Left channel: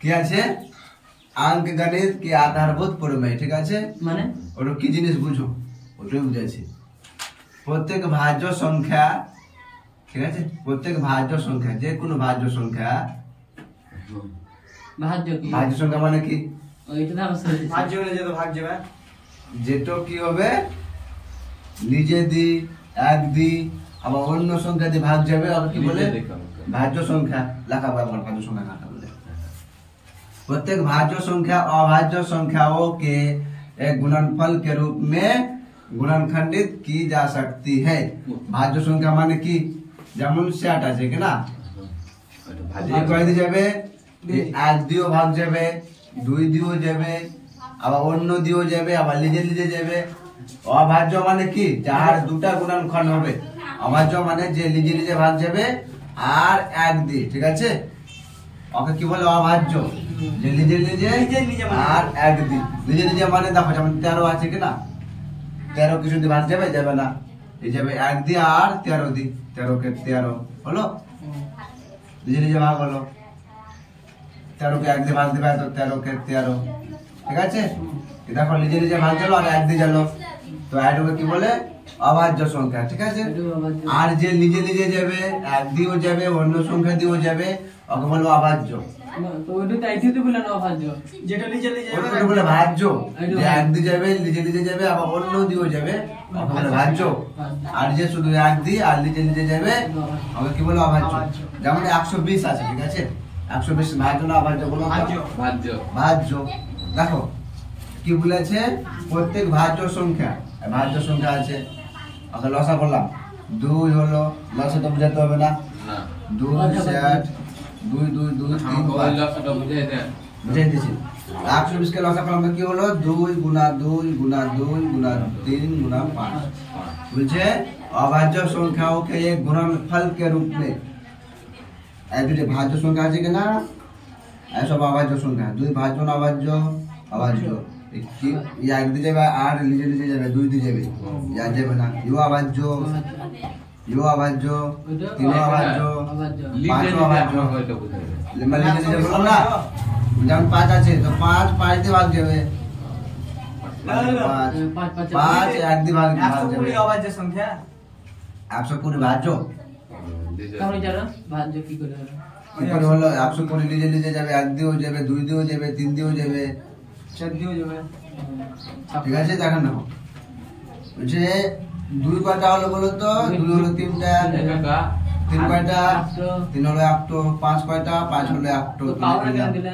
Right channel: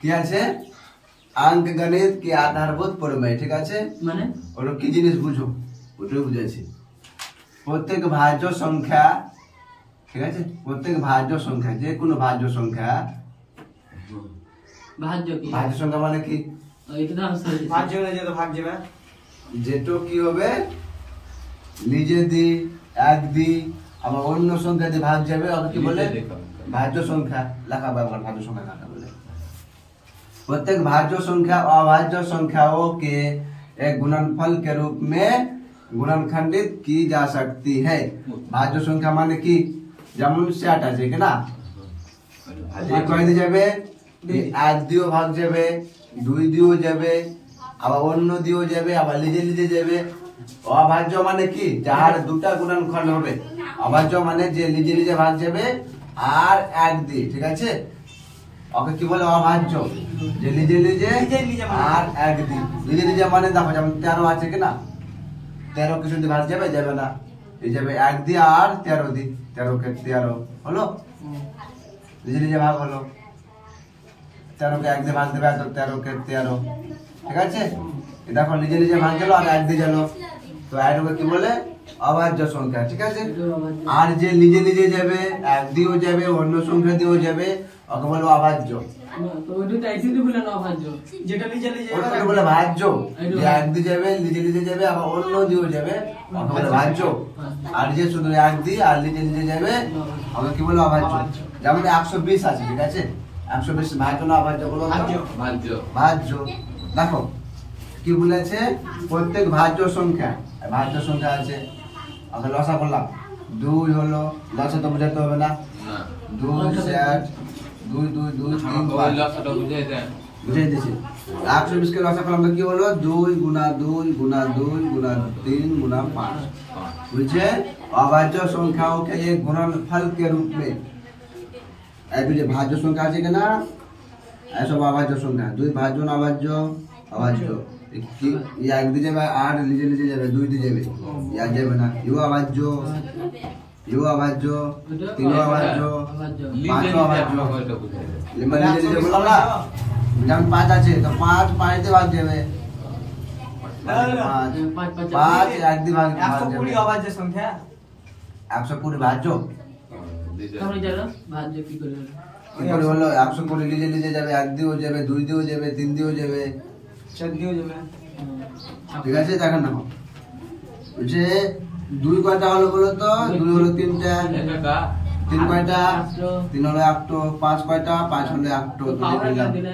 কি আছে অঙ্ক গণিত কি আধারভূত প্রমেয়, ঠিক আছে? মানে ওটা কি জিনিস বুঝো, ওটা বুঝাচ্ছি। প্রত্যেক ভাজ্য সংখ্যা, ঠিক আছে, প্রত্যেক ভাজ্য সংখ্যা, যে কোনো ভাজ্য সংখ্যা, ভাজ্য কি? ভাজ্য সংখ্যা মানে কি? এটা তো আমি শুনেছি। ভাজ্য হলে যেটা ভাগ যাবে, যেটা কি হবে নিজে দি এক দি আবার অন্য সংখ্যা দিয়ে ভাগ যাবে, আর কি বলে ভাজ্য সংখ্যা। লেখা ব্যবহার भाज्य संख्या काटा बोले। प्रत्येक भाज्य संख्या अभाज्य संख्याओं के एक गुणनफल के रूप में गुणनखंडित की जा सकती है। भाज्य संख्या माने की যেমন 60 আছে কি না, এই কয় দিয়ে যাবে, এক দিও ভাগ যাবে, দুই দিও যাবে, আবার অন্য দিও যাবে, আবার নিজে নিজে যাবে। অভাজ্য মানে কি যার দুটা গুণনখণ্ড হবে। অভাজ্য মানে যে নিজে নিজে ভাগ যাবে আর এক দিয়ে, ঠিক আছে? ওকে কি বলে অভাজ্য, যে নিজে নিজে আর এক দি। নিজে নিজে মানে দেখো যেমন 13 আছে কি না, 13 কিছু দিয়ে ভাগ যাবে, যাবে না, এই যাবে এক দি আর 13 দি, 13 কে 13 হলো, নিজে নিজে ভাগ হলো। 13 কে এক দিয়ে ভাগ দেবে তো 13 কে 13, ঠিক আছে? দেখো নিজে নিজে ভাগ গেল আর এক দিয়ে গেল, তো এটাকে কি বলে অভাজ্য সংখ্যা, ঠিক আছে? আর যে নিজে নিজে যাবে, এক দিয়েও যাবে, অন্য সংখ্যা দিয়েও যাবে, ওকে বলে অভাজ্য। তো ওইটা তো এইটাতে বলে না ভাজ্য, যেটা নিচে নিচে ওকে বলে ভাজ্য, যে এক দিয়ে যাবে, নিজে নিজে যাবে, আবার অন্য দিয়েও যাবে, ওকে বলে ভাজ্য। আর যে শুধু এক দিয়ে আর নিজে নিজে যাবে, ওকে কি বলে অভাজ্য। যেমন 120 আছে, ঠিক আছে? 120 ভাজ্য না অভাজ্য বলো? ভাজ্য। ভাজ্য। দেখো কি বলেছে, প্রত্যেক ভাজ্য সংখ্যা, ভাজ্য সংখ্যা আছে, ওকে লসা করলাম, 2 হলো, লসা তো বুঝাতে হবে না, 2 7 2 2 2 3 ওই লসাটা বুঝাই দেন, বুঝাই দিয়েছি। 120 কে লসা করলাম তো কি হলো, 2 গুণা 2 গুণা 2 গুণা 3 गुना 5। বুঝছে? अभाज्य संख्याओं के एक गुणनफल के रूप में, ऐसे जो भाज्य संख्या আছে কিনা এসব अभाज्य संख्या, দুই ভাজ্য না অভাজ্য, অভাজ্য। এক দিয়ে যাবে আর নিজে নিজে যাবে, দুই দিয়ে যাবে, এক যাবে না, ইউ অভাজ্য, ইউ অভাজ্য, তিন অভাজ্য, পাঁচ অভাজ্য। লিম্বা নিজে নিজে বললাম না, যেমন 5 আছে তো 5 দিয়ে ভাগ যাবে, 5 এক দিয়ে ভাগ যাবে, 120 অভাজ্য সংখ্যা, 120 ভাজ্য। আমি জানো ভাজ্য কি করে হলো? কি করে হলো? 120 নিজে নিজে যাবে, এক দিয়েও যাবে, দুই দিয়েও যাবে, তিন দিয়েও যাবে, 4 দিও যাবে, ঠিক আছে? দেখেন না, বলছে 2 কয়টা হলো বলো তো? 2 হলো 3টা, 3 কয়টা? 3 হলো 1টো, 5 কয়টা? 5 হলো 1টো,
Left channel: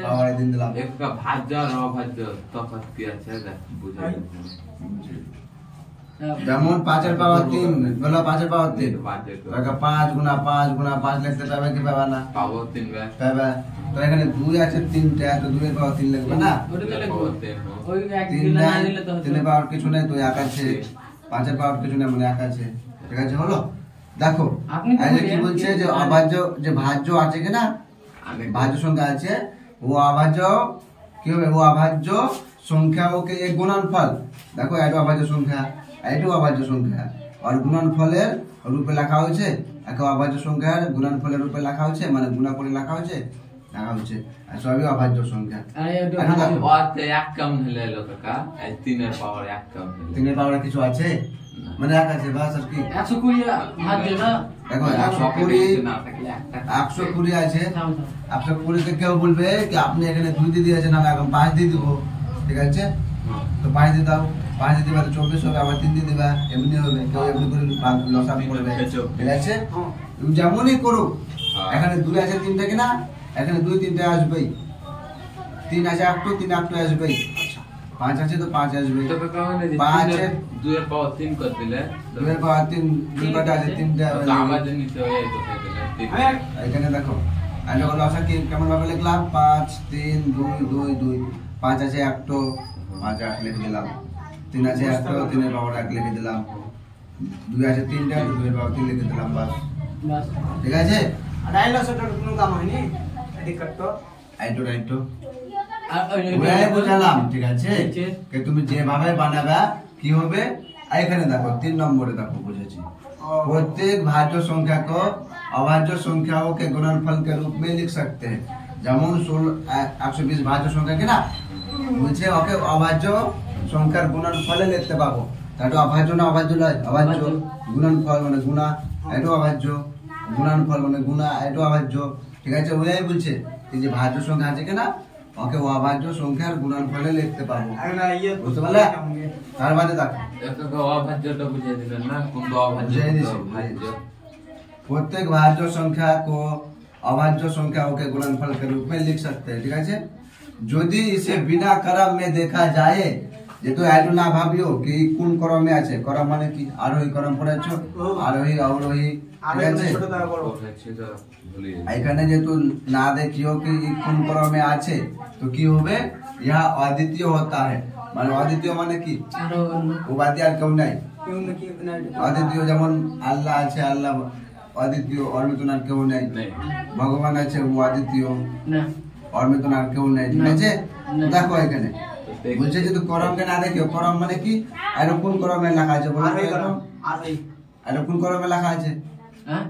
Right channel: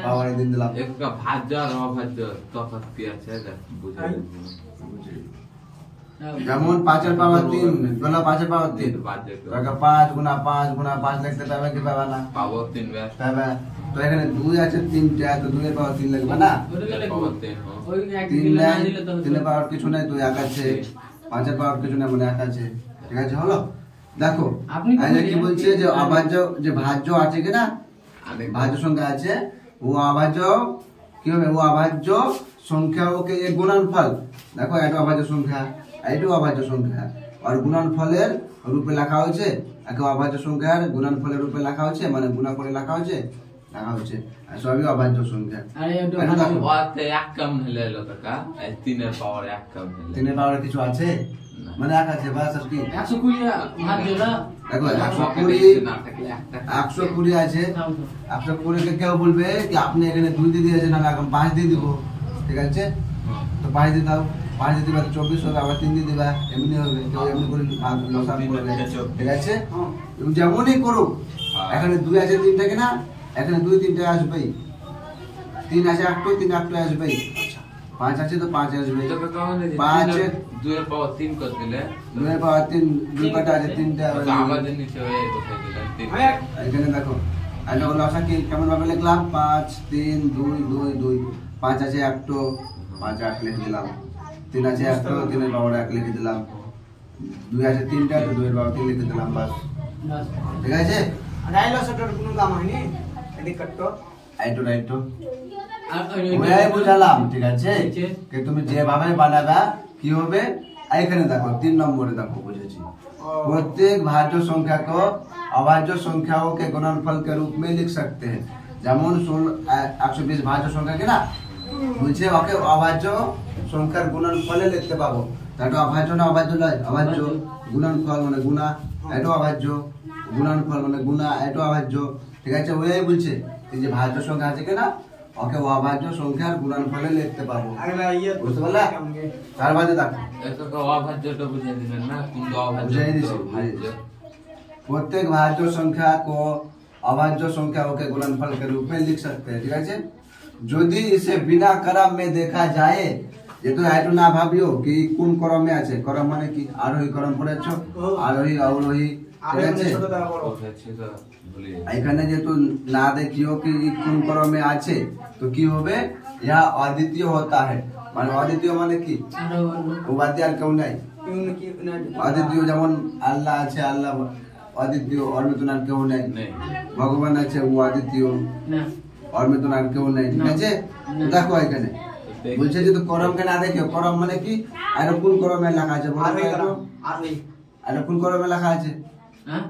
পাওয়ারে দিন দিলাম। একটা ভাজ্য আর অভাজ্য তফাৎ কি আছে দেখ বুঝাই দিন। যেমন 5 এর পাওয়ার 3 বলো, 5 এর পাওয়ার 3, ভাজ্য তো 5 গুণা 5 গুণা 5 লিখতে পারবে কি পাবে না? পাবো 3 বার পাবে। তো এখানে 2 আছে 3টা, তো 2 এর পাওয়ার 3 লাগবে না? ওটা তো পাবো লিখবো। 3 ওই এক 3 দিলে না নাই, দিলে তো 3 এর পাওয়ার কিছু নেই, তো 1 আছে, 5 এর পাওয়ার কিছু নেই মানে 1 আছে, ঠিক আছে? হলো? দেখো আপনি তো এই যে কি বললেন বলছে যে অভাজ্য, যে ভাজ্য আছে কি না, भाज्य संख्या আছে, वो अभाज्य কি হবে, ও अभाज्य সংখ্যাओं के एक गुणनफल। দেখো এটা अभाज्य সংখ্যা, এটাও अभाज्य সংখ্যা, আর গুণনফলের রূপে লেখা হয়েছে, একে अभाज्य সংখ্যার গুণনফলের রূপে লেখা হয়েছে, মানে গুণা করে লেখা হয়েছে, আর সবই अभाज्य সংখ্যা। আরে এটা এখন দেখো, ওতে এক কম হলে এলো কাকা, এই 3 এর পাওয়ার এক কম হলে 3 এর পাওয়ার কিছু আছে মানে 1 আছে, বাস আর কি। 120 ভাজ্য না, দেখো 120 না থাকলে একটা 120 আছে, 120 কে কেউ বলবে কি আপনি এখানে 2 দিয়ে দিয়েছেন, আমি এখন 5 দিয়ে দিব, ঠিক আছে? তো 5 দিয়ে দাও, 5 দিয়ে দিবা তো 24 হবে, আবার 3 দিয়ে দিবা, এমনি হবে, কেউ এমনি করে লসাগু করবে, ঠিক আছে? যেমনই করুক, এখানে 2 আছে 3টা কিনা, এখানে 2 3টা আসবেই, 3 আছে 8টো, 3 8টো আসবেই, আচ্ছা 5 আছে তো 5 আসবেই, তো কাকা মানে 5 2 এর পাওয়ার 3 করে দিলে 2 এর পাওয়ার 3, 2 কটা আছে 3টা, তো আমাদের নিচে হয়ে কোথায় দিলে 3 এখানে দেখো, এটা হলো লসা কি কেমন ভাবে লিখলাম, 5 3 2 2 2, 5 আছে 1টো, 5 1 লিখে দিলাম, 3 আছে 1টো, 3 এর পাওয়ার 1 লিখে দিলাম, 2 আছে 3টা, 2 এর পাওয়ার 3 লিখে দিলাম, বাস, বাস। ঠিক আছে? ডাইলসটার কোনো দাম হয়নি, এডি কাটতো আইটো আর ওই বুঝালাম, ঠিক আছে? ঠিক আছে। যে তুমি যেভাবে বানাবা কি হবে, এখানে দেখো 3 নম্বরে দেখো বুঝেছি, प्रत्येक भाज्य संख्या को अभाज्य संख्याओं के गुणनफल के रूप में लिख सकते हैं। যেমন 120 ভাজ্য সংখ্যা কিনা বলছে ওকে অভাজ্য সংখ্যার গুণনফলে লিখতে পাবো। তাহলে অভাজ্য না অভাজ্য নয়, অভাজ্য। গুণনফল মানে গুণা, এটা অভাজ্য। গুণনফল মানে গুণা, এটা অভাজ্য। ঠিক আছে, ওই বলছে এই যে ভাজ্য সংখ্যা আছে কিনা ওকে অভাজ্য সংখ্যার গুণনফলে লিখতে পাবো। अगला ये বুঝতে পারলে? তার মানে দেখো এটাকে অভাজ্যটা বুঝিয়ে দিলেন না, কোনটা অভাজ্য বুঝিয়ে কোনটা দিছি। ভাজ্য। प्रत्येक भाज्य संख्या को अभाज्य संख्याओं के गुणनफल के रूप में लिख सकते हैं। ठीक है, यदि इसे बिना क्रम में देखा जाए, ये तो ऐटो ना भाबियो कि কোন ক্রমে আছে। ক্রম মানে কি? আরোহী ক্রম পড়েছো, আরোহী অবরোহী। ঠিক আছে, ছিল ভুলে এখানে যেহেতু না দেখিও কি কোন ক্রমে আছে তো কি হবে, ইহা অদ্বিতীয় होता है। মানে অদ্বিতীয় মানে কি? আরো অন্য উপাধি আর কেউ নাই। क्यों कि অদ্বিতীয় যেমন আল্লাহ আছে, আল্লাহ অদ্বিতীয়, ওর মতন আর কেউ নেই। নেই। ভগবান আছে, ও অদ্বিতীয়, না ওর মতন আর কেউ নেই। ঠিক আছে, দেখো এখানে বলছে যে করমকে না দেখিও। করম মানে কি? আর কোন করমে লেখা আছে বলো তো একটু? आरोही আর কোন করমে লেখা আছে? হ্যাঁ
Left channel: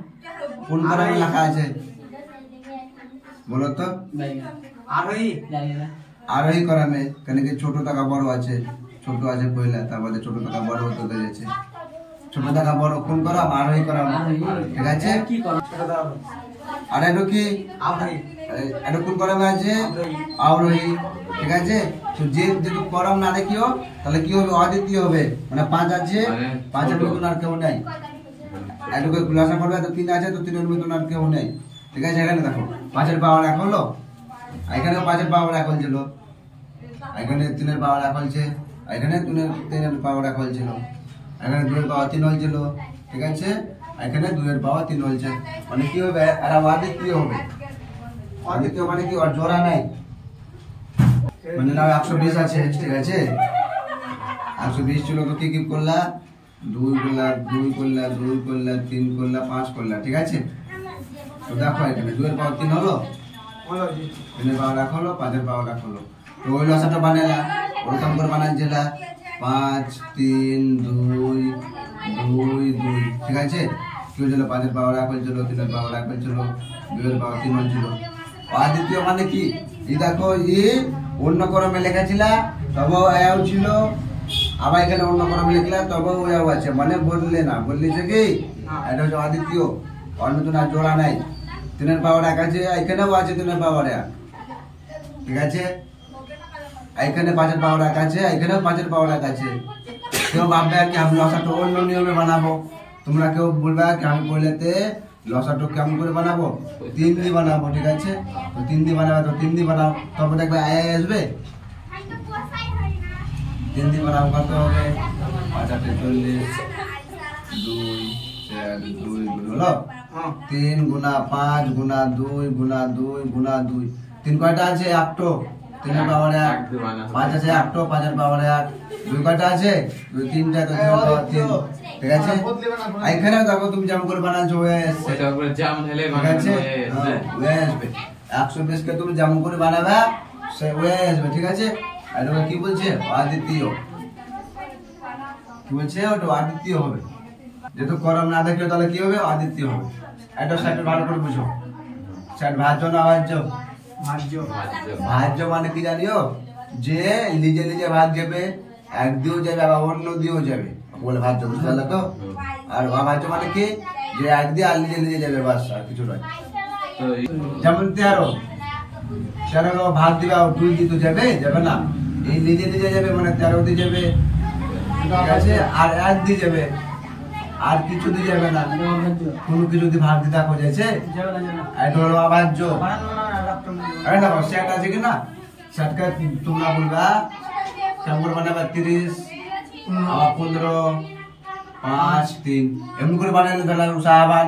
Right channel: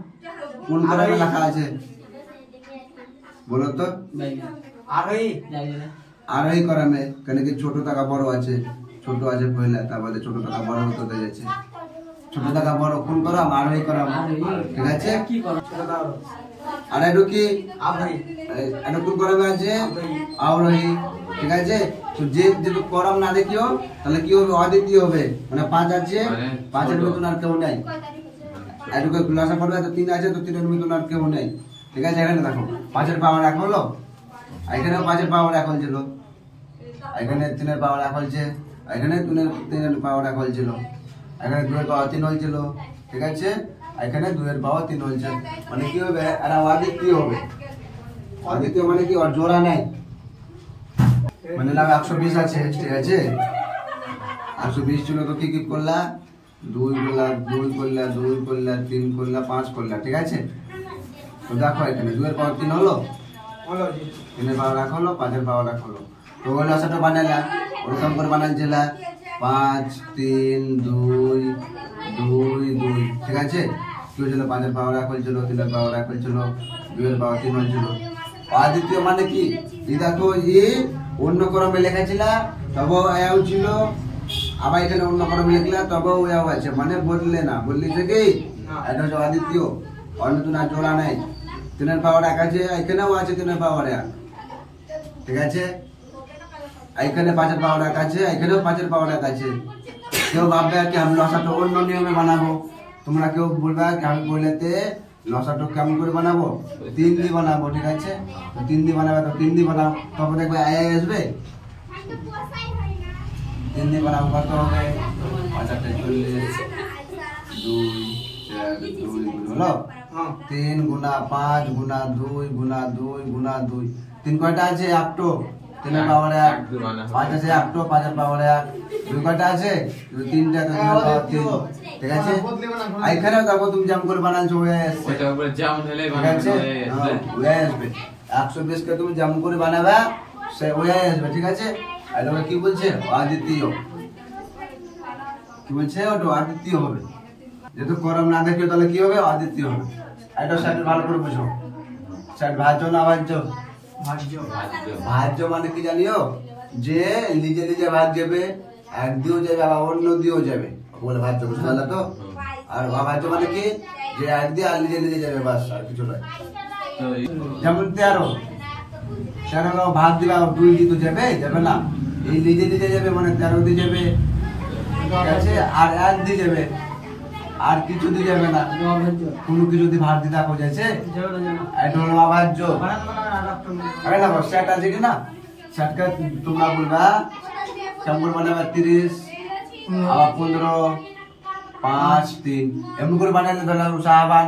কোন করমে লেখা আছে বলো তো? বাইরে आरोही জানি না আরোহী করমে, কেন কি ছোট টাকা বড় আছে, ছোট আছে পয়লা, তারপরে ছোট টাকা বড় হতে যাচ্ছে। ছোট টাকা বড় কোন করম? আরোহী করম। ঠিক আছে, কি করো আর এটা কি? आरोही এটা কোন করমে আছে? আরোহী। ঠিক আছে, তো যে যেহেতু করম না দেখিও তাহলে কি হবে? অদ্বিতীয় হবে। মানে 5 আছে, মানে 5 এর ছোট। মতন আর কেউ নাই। এটুকু খুলাসা করবে তো 3 আছে, তো 3 এর মতন আর কেউ নেই। ঠিক আছে, এখানে দেখো 5 এর পাওয়ার 1 হলো, এখানেও 5 এর পাওয়ার 1 হল, এখানে 3 এর পাওয়ার 1 হচ্ছে, এখানে 3 এর পাওয়ার 1 হচ্ছিল, এখানে 2 এর পাওয়ার 3 হচ্ছিল। ঠিক আছে, এখানে 2 এর পাওয়ার 3 হচ্ছে। মানে কি হবে? এরা অদ্বিতীয় হবে। অদ্বিতীয় মানে কি? ওর জোড়া নাই। মানে নাও 120 আছে। ঠিক আছে, 120 ছিল তো কি কি করলা? 2 করলা, 2 করলা, 2 করলা, 3 করলা, 5 করলা। ঠিক আছে, তো দেখো এখানে 2 এর পাওয়ার 3 হলো, बोलो जी 3 এর পাওয়ার 1 হলো, 5 এর পাওয়ার 1 হলো। তো ওই লসাটা বানালা, ওরকম করে বানাচ্ছিলা 5 3 2 2 2। ঠিক আছে, কি হয়েছিল? 5 এর পাওয়ার 1 হয়েছিল, 3 এর পাওয়ার 1 হয়েছিল, 2 এর পাওয়ার 3 হয়েছিল। অদ্বিতীয় মানে কি? এই দেখো এই অন্য ক্রমে লেখাছিলা তবে এও ছিল, আবার এখানে অন্য ক্রমে লিখলা তবেও এও আছে। মানে বললে না, বললিছে কি এটা হচ্ছে অদ্বিতীয়, অন্য তো না জোড়া নাই। 3 এর পাওয়ার 1 আছে, এখানেও আছে 3 এর পাওয়ার 1। ঠিক আছে, এখানে 5 এর পাওয়ার 1 আছে, এখানেও 5 এর পাওয়ার 1 আছে। কেউ ভাববে কি আমি লসাটা অন্য নিয়মে বানাবো, তোমরা কেউ বলবে কি আমি বললেতে লসাটা কেমন করে বানাবো? 3 দিয়ে বানাবো। ঠিক আছে, তো 3 দিয়ে বানাবে, তো 3 দিয়ে বানাও, তবে দেখবে আয় আসবে। 3 দিয়ে বানাবো কত হবে? 5 8 40, 2 4 2 হলো। 3 গুণা 5 গুণা 2 গুণা 2 গুণা 2। 3 কয়টা আছে? 1টো। 3 এর পাওয়ার 1। 5 আছে 1টো, 5 এর পাওয়ার 1। 2 কয়টা আছে? 2 3টা, তো 2 এর পাওয়ার 3। ঠিক আছে, এখানেও দেখো তুমি যেমন করে বানাচ্ছো ওই আসছে। ওইটা উপরে যেমন হলে ঠিক বানানো আছে, হয়ে যাচ্ছে। ওই আসবে। 120 কে তুমি যেমন করে বানাবে সে ওই আসবে। ঠিক আছে, এটা কি বলছে? অদ্বিতীয়। কি বলছে? ওটা অদ্বিতীয় হবে। যেহেতু করম না দেখিও তাহলে কি হবে? অদ্বিতীয় হবে। এটা সাইড ভালো করে বুঝো। সাইড ভাজ্য না অভাজ্য? भाज्य ভাজ্য। ভাজ্য মানে কি জানিও? যে নিজে নিজে ভাগ যাবে, এক দিয়েও যাবে আবার অন্য দিয়েও যাবে, বলে ভাজ্য। বুঝতে পারলে তো? আর অভাজ্য মানে কি? যে এক দিয়ে আর নিজে নিজে যাবে, বাস আর কিছু নয়। তো যেমন 13 ভাগ দিবা, 2 দিয়ে তো যাবে যাবে না, এই নিজে নিজে যাবে মানে 13 দিয়ে যাবে। ঠিক আছে, আর 1 দিয়ে যাবে, আর কিছু দিয়ে যাবে না, অভাজ্য কোনো কিছু দিয়ে ভাগ দিতে হয়ে যাচ্ছে। जेवला जेवला এটা হলো অভাজ্য। बारन बनाना रक्त में আরে না, সেট আছে কি না? সেটকা তোমরা বলবা কেমন বানাবে? 30 আবার 15 5 3 এমনি করে বানালে ধরলাম সাহাবান।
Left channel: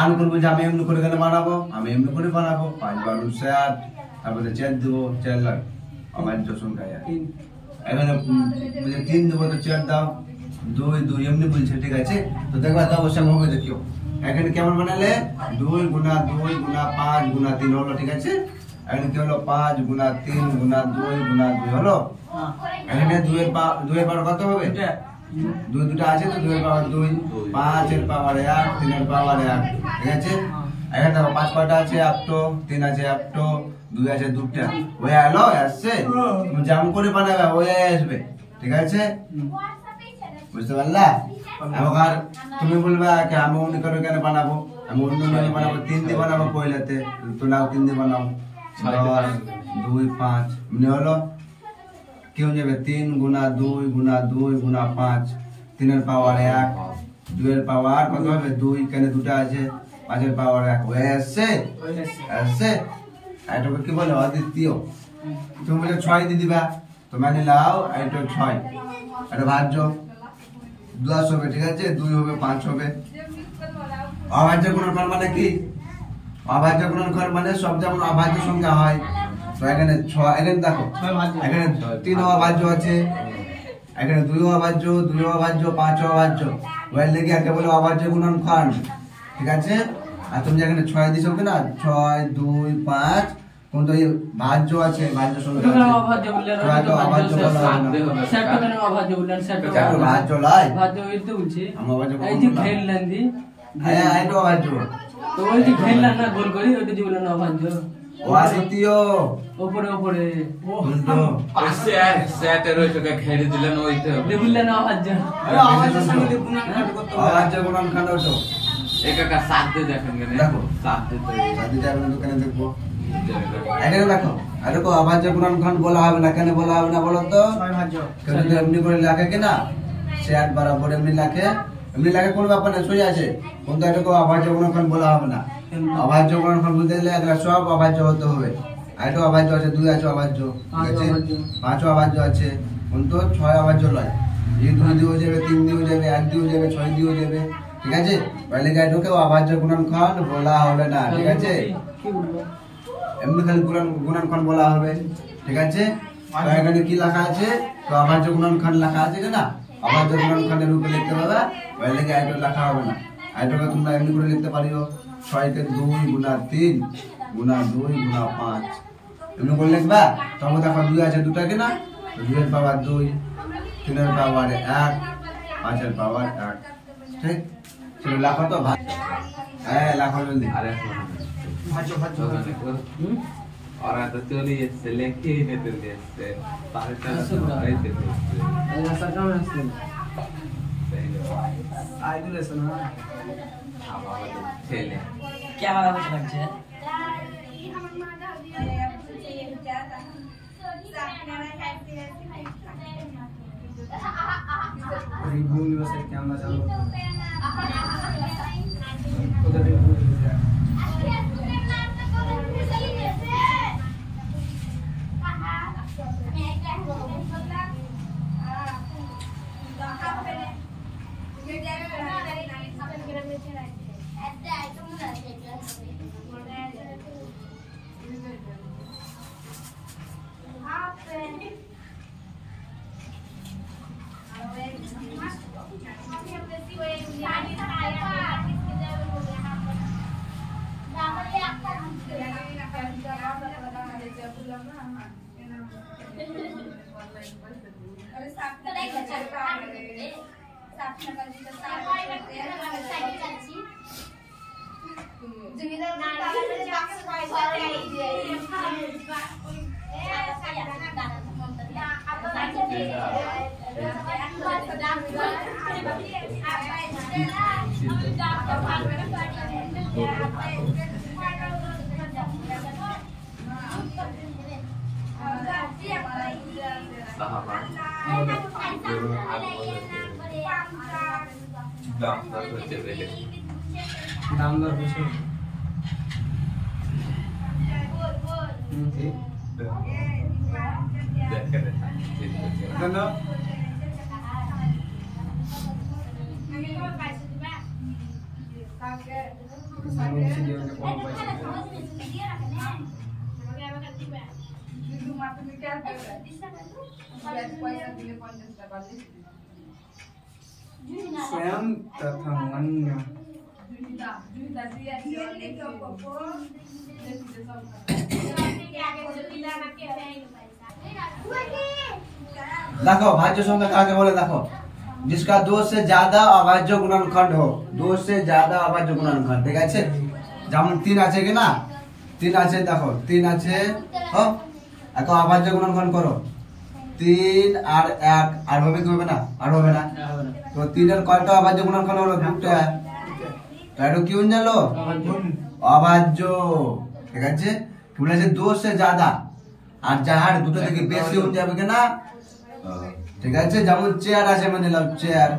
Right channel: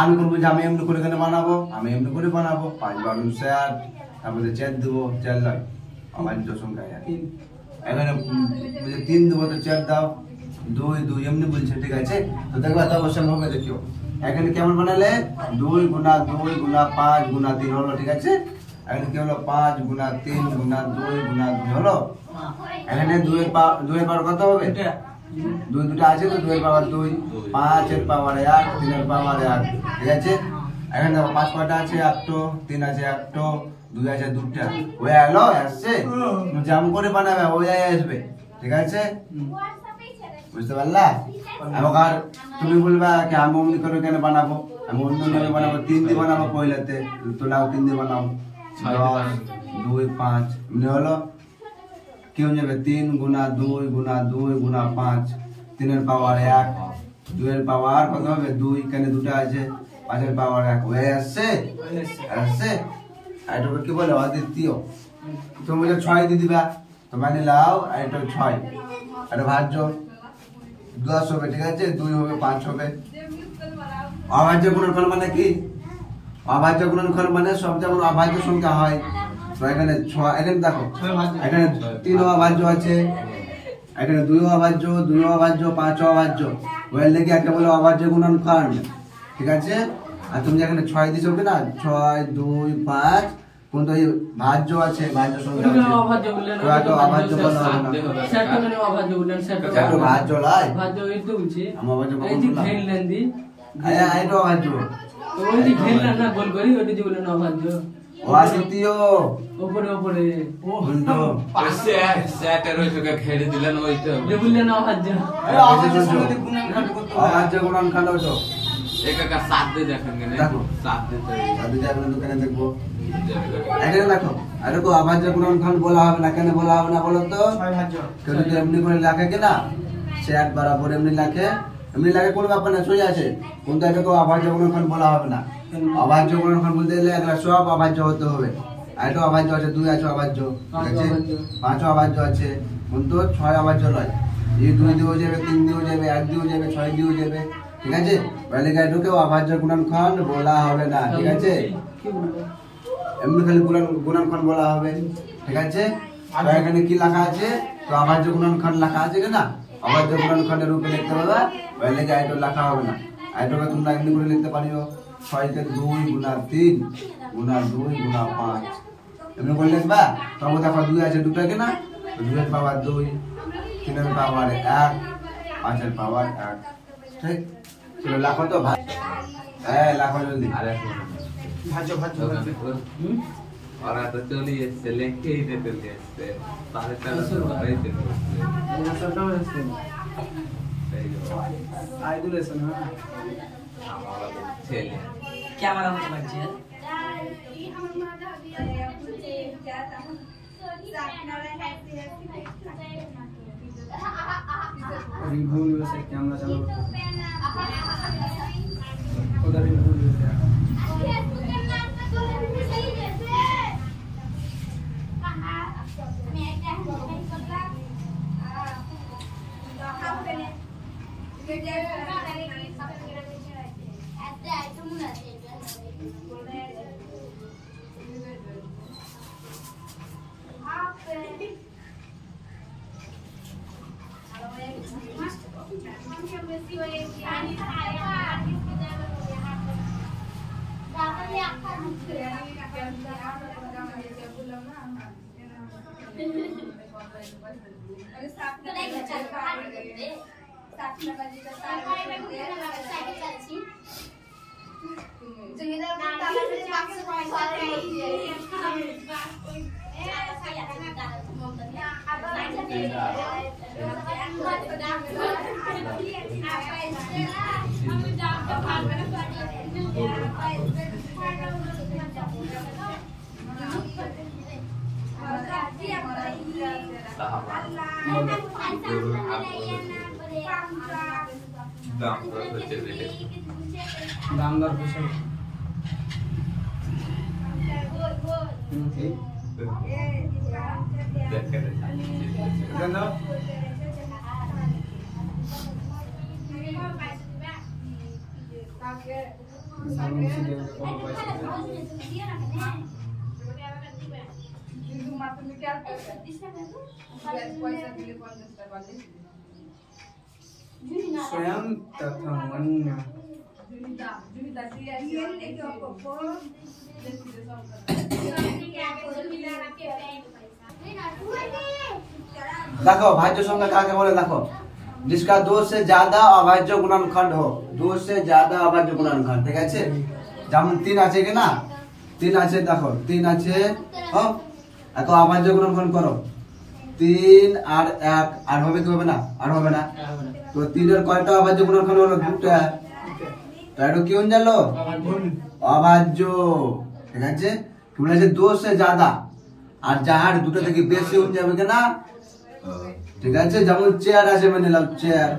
আমি করবো যে আমি এমনি করে কেন বানাবো, আমি এমনি করে বানাবো। 5 বার 60, তারপরে 4 দেবো, 4 নয় অভাজ্য সংখ্যা। এখানে 3 দেবো, তো 4 দাও, 2 2 এমনি বলছে। ঠিক আছে, তো দেখবা তো অবশ্যই হবে। দেখিও এখানে কেমন বানালে? 2 গুণা 2 গুণা 5 গুণা 3 হলো। ঠিক আছে, এখানে কি হলো? 5 গুণা 3 গুণা 2 গুণা 2 হলো। हां এখানে 2 এর পাওয়ার কত হবে? এটা 2 দুটো আছে, তো 2 এর পাওয়ার 2, 5 এর পাওয়ার 1, 3 এর পাওয়ার 1। ঠিক আছে, এখানে দেখো 5 কয়টা আছে? 1টো, 3 আছে 1টো, দুই আছে দুটা ওই এলো আসছে তুমি জাম করে বানাবে ওই আসবে ঠিক আছে বুঝতে পারলা এবার তুমি বলবা কি আমি অমনি করে কেন বানাবো আমি অন্য নিয়ে বানাবো 3 দিয়ে বানাবো পয়লাতে তোলাও 3 দিয়ে বানাবো 2 5 মানে হলো কি হয়ে যাবে 3 গুণা 2 গুণা 2 গুণা 5 3 এর পাওয়ার 1 2 এর পাওয়ার কত হবে 2 কেন দুটো আছে 5 এর পাওয়ার 1 হয়ে আসছে আসছে এটাকে কি বলে অদ্বিতীয় তুমি বলে 6 দিয়ে দিবা তো মানে লাও এটা 6 এটা ভাজ্য 10 হবে ঠিক আছে 2 হবে 5 হবে অভাজ্য গুণনফল মানে কি অভাজ্য গুণনফল মানে সব যেমন অভাজ্য সংখ্যা হয় তো এখানে 6 এখানে দেখো এখানে 3 অভাজ্য আছে এখানে 2 অভাজ্য 2 অভাজ্য 5 অভাজ্য ওই লেগে একে বলে অভাজ্য গুণনফল ঠিক আছে আর তুমি যেখানে 6 দিছো কি না 6 2 5 কোন তো এই ভাজ্য আছে ভাজ্য সংখ্যা ওটা আছে অভাজ্য বললেন তো অভাজ্য সাধ্য হবে সেটা কেন অভাজ্য বললেন সেটা কারণ ভাজ্য লাই ভাজ্য এই তো বলছি আমার ভাজ্য এই যে খেললেন দি হ্যাঁ এটা অভাজ্য তো ওই যে খেললেন না গোল করি ওটা যে বললেন অভাজ্য অদ্বিতীয় উপরে উপরে উল্টো সেটের ওই চোখে ঘেরে দিলেন ওইতে হবে যে বললেন অভাজ্য অভাজ্য গুণনফল ওটো একা সাধ্য দেখেন কেন দেখো। সাধ্য তো যদি যাবে দোকানে দেখবো এখানে দেখো আর দেখো অভাজ্য গুণনফল বলা হবে না কেন বলা হবে না বলো তো ছয় ভাজ্য কেউ যদি এমনি করে লেখে কিনা সে এক বরাবর এমনি লেখে কোনো ব্যাপার না সোজা আছে কিন্তু এটাকে অভাজ্য গুণনফল বলা হবে না অভাজ্য গুণনফল বলতে গেলে এগুলো সব অভাজ্য হতে হবে আর এটা অভাজ্য আছে 2 আছে অভাজ্য ঠিক আছে 5 অভাজ্য আছে কিন্তু 6 অভাজ্য নয় এই 2 দিয়ে যাবে 3 দিয়ে যাবে 1 দিয়ে যাবে 6 দিয়ে যাবে ঠিক আছে বলে এটাকে অভাজ্য গুণনফল বলা হবে না ঠিক আছে কি বলবো এমনি খালি গুণনফল বলা হবে ঠিক আছে তো এখানে কি লেখা আছে তো অভাজ্য গুণনফল লেখা আছে না অভাজ্য গুণনফলের রূপে লিখতে পারবে বলে এটা লেখা হবে না এটাকে তোমরা এমনি করে লিখতে পারিও 6 কে 2 গুণা 3 গুণা 2 গুণা 5 এমনি করে লিখবা তবে দেখো 2 আছে দুটো কি না তো 2 এর পাওয়ার 2 3 এর পাওয়ার 1 5 এর পাওয়ার 1 ঠিক চলো লেখো তো ভাই হ্যাঁ লেখো জলদি আরে ভাজ্য ভাজ্য ওখানে তো ওরা তো চলে এসছে লেখেই দিতে দিয়েছে তাহলে তারা তো হইতে দিয়েছে এটা সরকার আছে আইদুল এসে না আমার ছেলে ক্যামেরা মত লাগছে রিভুল এসে ক্যামেরা চালু ওটা রিভুল sahabat দামদার বসে स्वयं तथा मन देखो भाज्य संख्या काके बोले देखो जिसका 2 से ज्यादा अभाज्य गुणनखंड हो 2 से ज्यादा अभाज्य गुणनखंड ठीक আছে যেমন 3 আছে কি না 3 আছে দেখো 3 আছে হ্যাঁ এখন আবার যে গুণন করো 3 আর 1 আর হবে কি হবে না আর হবে না তো 3 এর কয়টা আবার যে গুণন হলো দুটো তো এটা কি হয়ে গেল অভাজ্য ঠিক আছে কি বলেছে 2 से ज्यादा আর যাহার দুটো থেকে বেশি হয়ে যাবে কি না ঠিক আছে যেমন চেয়ার আছে মানে নাও চেয়ার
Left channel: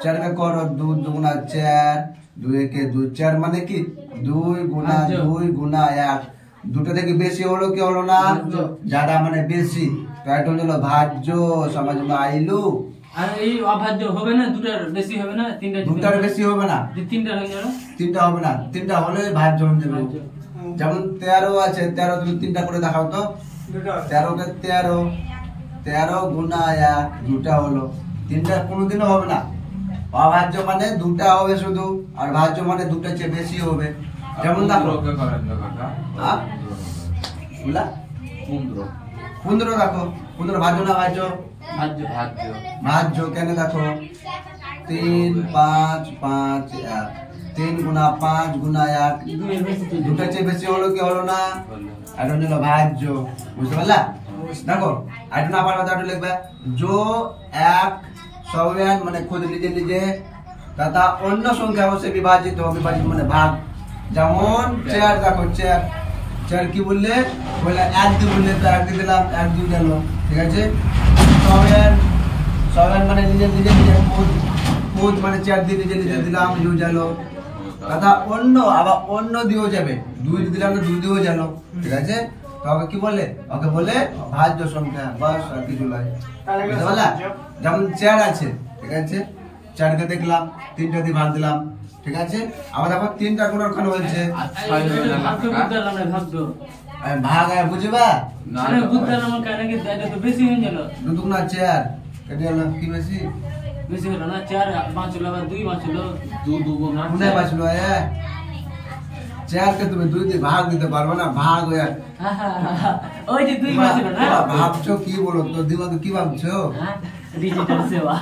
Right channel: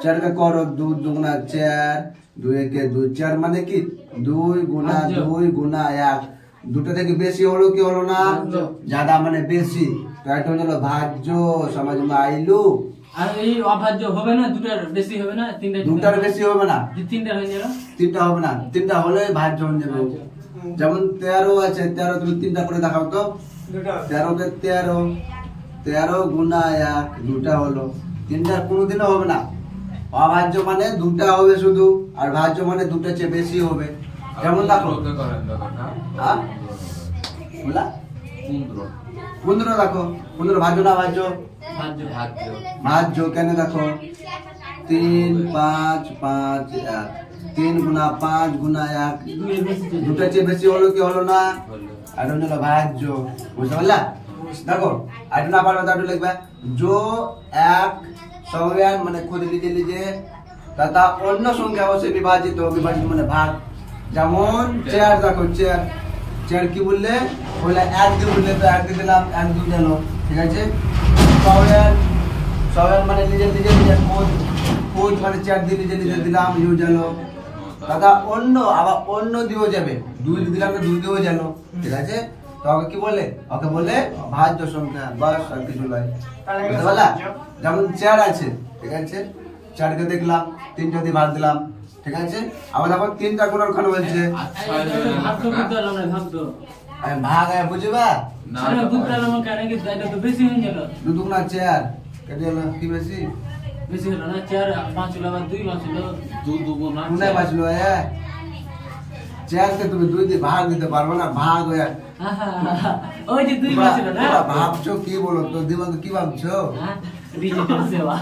চেয়ারকে করো 2 দুগুণা চেয়ার 2 একে 2 চেয়ার মানে কি 2 গুণা 2 গুণা 1 দুটো থেকে বেশি হলো কি হলো না ज्यादा মানে বেশি তো এটা হলো ভাজ্য সমাজ মে আইলু আর এই অভাজ্য হবে না দুটার বেশি হবে না দুটার বেশি হবে না তিনটা হয়ে যাবে তিনটা হবে না তিনটা হলে ভাজ্য হয়ে যাবে যেমন 13 আছে 13 তুমি তিনটা করে দেখাও তো 13 কে 13 গুণা 1 দুটা হলো তিনটা কোনোদিনও হবে না অভাজ্য মানে দুটা হবে শুধু আর ভাজ্য মানে দুটা চেয়ে বেশি হবে যেমন দেখো ওকে করেন কথা হ্যাঁ বুঝলা 15 15 দেখো 15 ভাজ্য না ভাজ্য ভাজ্য ভাজ্য ভাজ্য কেন দেখো 3 5 5 1 3 গুণা 5 গুণা 1 দুই বেশি দুটা চেয়ে বেশি হলো কি হলো না হলো আর হলো ভাজ্য বুঝতে পারলা দেখো আর না পারবে তাহলে লিখবে जो एक सव्यान মানে खुद लीजिए लीजिए तथा অন্য সংখ্যা से विभाजित हो विभाजित মানে ভাগ যেমন চেয়ার দেখো চেয়ার চেয়ার কি বললে বলে এক দিয়ে বললে তো এক দিয়ে দিলাম এক দুই দিলো ঠিক আছে সব্যান সব্যান মানে लीजिए लीजिए खुद মানে চেয়ার দিয়ে लीजिए দিলাম ইউ জানো তথা অন্য আবার অন্য দিও যাবে দুই দিলাম তো দুই দিও জানো ঠিক আছে তো ওকে কি বলে ওকে বলে ভাজ্য সংখ্যা বাস আর কিছু নয় বুঝতে পারলা যেমন 4 আছে ঠিক আছে 4 কে দেখলাম 3টা দিয়ে ভাগ দিলাম ঠিক আছে আবার দেখো 3টা গুণনখণ্ড হচ্ছে ভাগ্য বুঝলাম না ভাগ্য আমি ভাগ আয় বুঝবা না আরে বুঝলাম কেন কি এটা তো বেশি হয়ে গেল দুগুণা 4 এটা হলো কি বেশি বেশি হলো না 4 5 হলো 2 5 হলো দুগুণা কোনটা বাঁচলো চেয়ার কে তুমি দুই দিয়ে ভাগ দিতে পারবে না ভাগ হয়ে ওই যে 2 5 হলো না ভাবছো কি বলো তো দিমাগ কি ভাবছো ডিজিটাল সেবা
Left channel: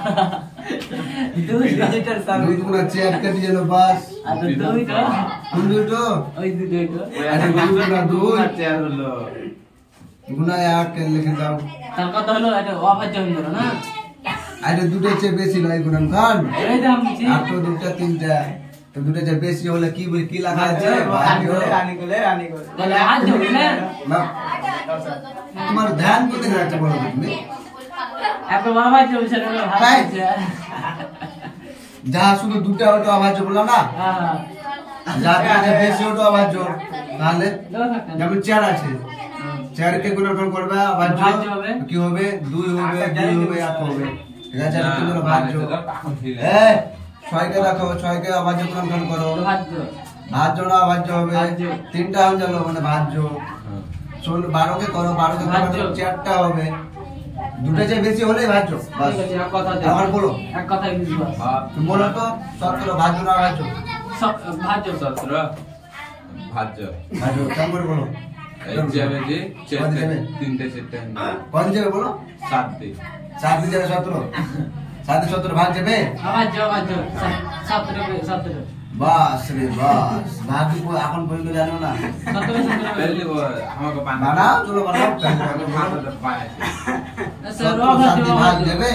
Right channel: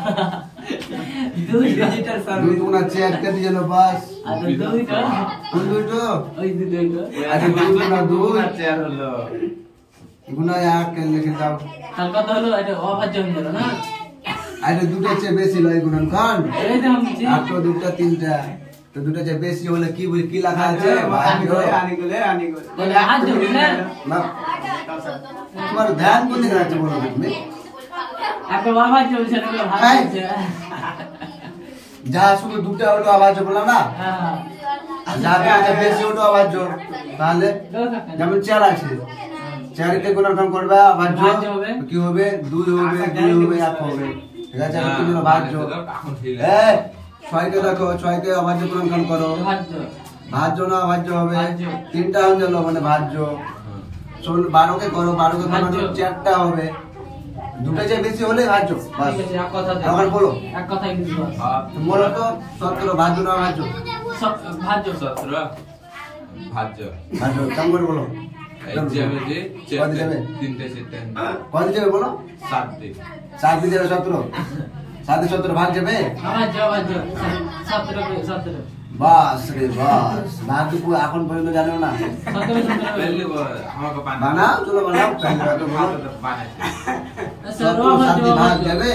ডিজিটাল দুই সার্ভিস দুগুণা চেয়ার কেটে গেল বাস আর দুইটা কোন দুটো ওই দুইটা আরে দুই গুণা দুই চেয়ার হলো গুণা 1 কে লিখে দাও তার কথা হলো এটা অভাজ্য হয়ে গেল না আরে দুটো চেয়ে বেশি লয় গুণনখণ্ড এই দাম জি আর তো দুটো তিনটা তো দুটো চেয়ে বেশি হলে কি বলি কি লেখা আছে ভাগ্য বলে হাত ধরে না না তোমার ধ্যান কোথায় রাখতে বলো তুমি আপনি অভাজ্য বলছেন না ভাজ্য যা শুধু দুটো ওটা আওয়াজ বলো না যা দুটো বেশি ওটা আওয়াজ তাহলে যেমন 4 আছে 4 কে গুণনখণ্ড করবে আওয়াজ কি হবে 2 হবে 2 হবে 1 হবে ঠিক আছে আর কি হলো ভাজ্য এখন ছিল এই 6 কে দেখো 6 কে আওয়াজ গুণনখণ্ড করো ভাজ্য ভাজ্য না ভাজ্য হবে ভাজ্য। 3টা হয়ে গেল মানে ভাজ্য 12 কে করো 12 কে ভাজ্য। করো 4টা হবে দুটো চেয়ে বেশি হলে ভাজ্য বাস। ঠিক আছে এক কথা আমার বলো এক কথা ইংলিশ বল তুমি বলো তো 17 ভাজ্য না ভাজ্য ভাজ্য 17 ভাজ্য ভাজ্য কেমন করে বলো এই যাবে যে কত যাবে? তিনটে চারটে কত যাবে বলো 7 দিন 7 দিয়ে যাবে 17 7 দিয়ে 17 ভাগ যাবে ভাজ্য 17 বাস রে বাস ভাগ এখন পর্যন্ত জানো না 17 পেলে আমাকে বানাও চলো বানাও ভাতটা বানাইছে স্যার 17 ভাগ যাবে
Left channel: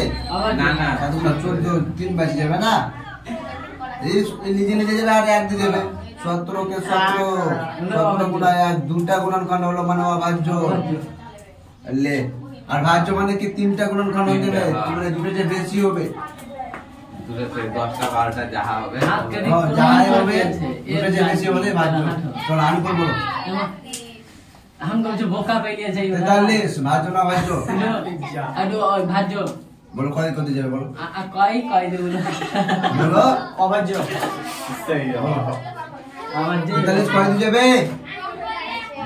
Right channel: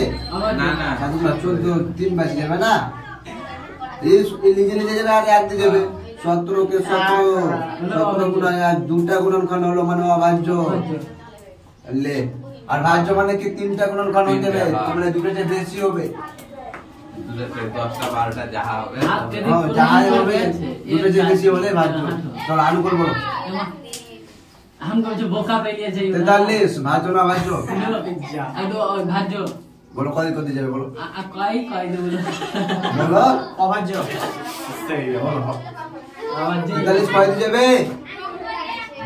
না না 14 3 বাজে যাবে না এই নিজে নিজে যাবে আর এক দিয়ে যাবে 17 কে 17 গুণা 1 দুটা গুণনখণ্ড হলো মানে অভাজ্য লে আর ভাজ্য মানে কি 3টা গুণনখণ্ড হয়ে যাবে মানে দুটো যে বেশি হবে দুটো 10টা 12টা যাহা হবে যাই হবে দুটো যে বেশি হলে ভাজ্য চলো আমি করবো हमको जो बोका पे लिए चाहिए 43 ভাজ্য না ভাজ্য भाज्য বলো কত কত যাবে বলো কই কই দেব বলো অভাজ্য অভাজ্য 43 কত যাবে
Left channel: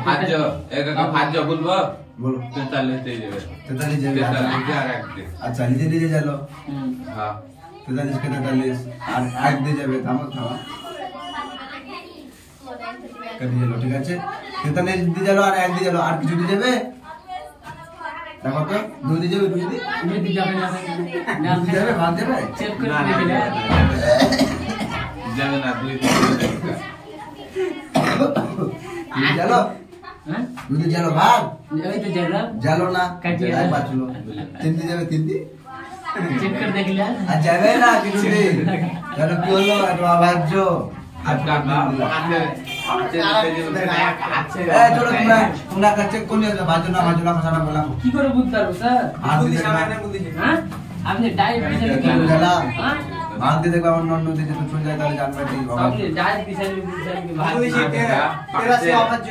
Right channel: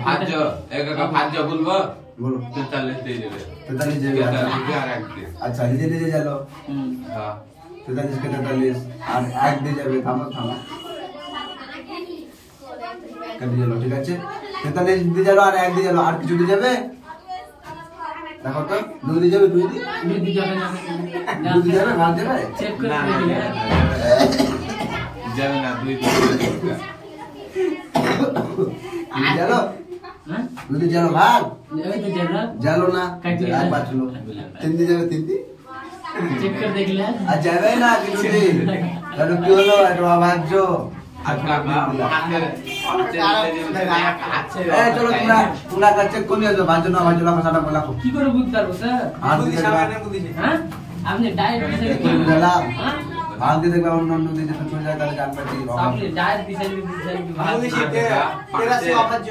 ভাজ্য একা ভাজ্য বলবো বলো 43 দিয়ে যাবে 43 যাবে 43 আর এক দিয়ে আচ্ছা নিজে নিজে চলো হ্যাঁ 43 কে 43 আর এক দিয়ে যাবে থামো থামো কেটে গেল ঠিক আছে 43 দিয়ে গেল আর এক দিয়ে গেল আর কিছু দিয়ে যাবে দেখো তো দুই দিয়ে যাবে দুই দিয়ে দুই যাবে যাবে দুই দিয়ে যাবে ভাগ যাবে চেক না করে না দিলে যাবে না 2 দিয়ে দুই গেল যদি জানো ভাগ ওই তো জানা জানো না কাটি আর পাঁচলো তিন দিন যাবে তিন দিন চেক করে দেখলা আর যাবে না কিছু দিন কেন কি হলো এটা ভাজ্য আর কাকা হাতে হাতে আছে এই চলো তোমরা কাছে চেক করে নিয়ে যাও ভাজ্য না ভাজ্য না কথাটা বলা কি করে বুঝতে পারবো স্যার আর বুদ্ধি দিয়ে সামনে বুদ্ধি হ্যাঁ আপনি ডায়েট দিছেন কি জানা হ্যাঁ ভাগ দিয়ে দেখবা অন্য অন্য দিকে চলে যায় তাহলে জানবে কি হবে আপনি ডায়েট দিছেন কি ভাত বুদ্ধি শিখে তেরা সে অভাজ্য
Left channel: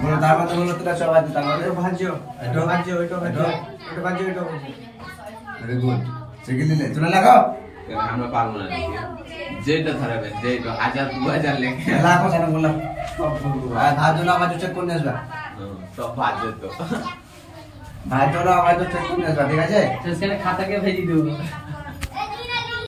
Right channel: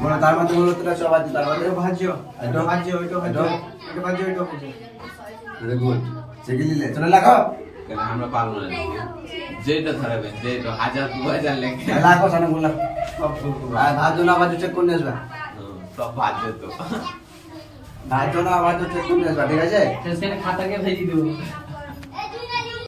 বলো তার মধ্যে বলো তোরা সব আছে তার মধ্যে এটা ভাজ্য এটা ভাজ্য এটা ভাজ্য এটা ভাজ্য এটা ভাজ্য ভেরি গুড শিখে নিলে চলে লাগাও কেন আমরা পারবো না যেটা ধরাবেন যেটা 1000 2000 লেখে লাগাও জানো বললাম আর ভাজ্য না ভাজ্য চেক করে নিয়ে আসবা সব বাজে তো ভাজ্য না ভাজ্য চেক করে নিয়ে আসবা ঠিক আছে সেখানে খাতাকে ভেজি দেবো